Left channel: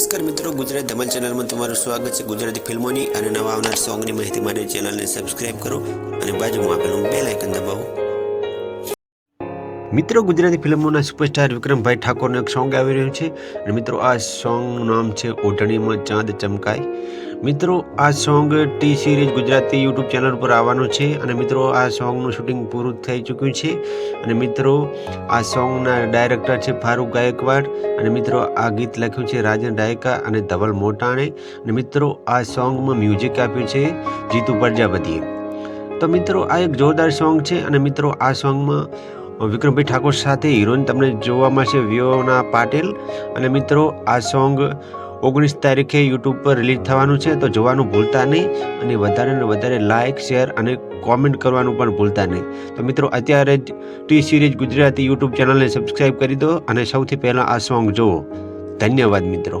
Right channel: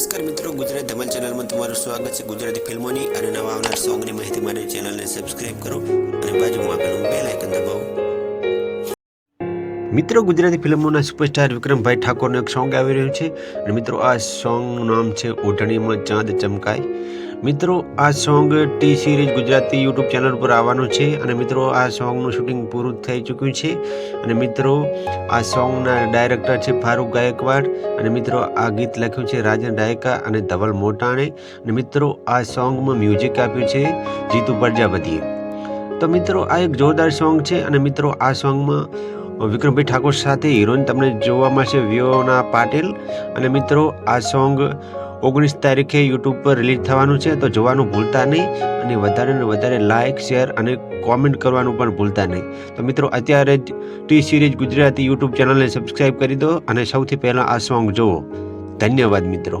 નમસ્કાર મિત્રો, ગુજરાત ધમાલ ચેનલમાં તમારું સ્વાગત છે। ગુજરાતી ફિલ્મોની અને નવા આવનાર સોંગની માહિતી માટે ચેનલને સબસ્ક્રાઇબ કરો અને બાજુમાં આપેલું બેલ આઇકન દબાવો। મિત્રો, ગુજરાતી ફિલ્મોના સુપરસ્ટાર વિક્રમભાઈ ઠાકોરનું એક સોંગ આવી રહ્યું છે અને મિત્રો આ સોંગનું નામ છે ઓઢણીમાં ચાંદ ચમકાય। મિત્રો, આ song T series Gujarati YouTube channel પર આવવાનું છે અને મિત્રો આ સોંગનું શૂટિંગ પૂરું થઈ ચૂક્યું છે અને મિત્રો આ સોંગના ડાયરેક્ટર છે ફારૂક ગાયકવાડ અને મિત્રો આ ગીત લખ્યું છે રાજન રાયકા અને ધવલ મોટાણે અને મિત્રો આ સોંગમાં મ્યુઝિક આપ્યું છે જીતુ પ્રજાપતિએ। તો મિત્રો આ એક જોરદાર સોંગ છે અને મિત્રો આ સોંગમાં વિક્રમભાઈ ઠાકોર સાથે હિરોઈન તમને જોવા મળશે વિયોના પાટીલ અને મિત્રો આ સોંગ 19 તારીખે યુટ્યુબ પર રિલીઝ થવાનું છે, તો જોવાનું ભૂલતા નહીં અને વધારે ને વધારે લાઇક શેર અને કોમેન્ટ કરવાનું પણ ભૂલતા નહીં। તો મિત્રો અત્યારે જ ટી સિરીઝ ગુજરાતી યુટ્યુબ ચેનલને સબસ્ક્રાઈબ કરી દો અને સૌથી પહેલાં આ સોંગ જુઓ। ધન્યવાદ મિત્રો।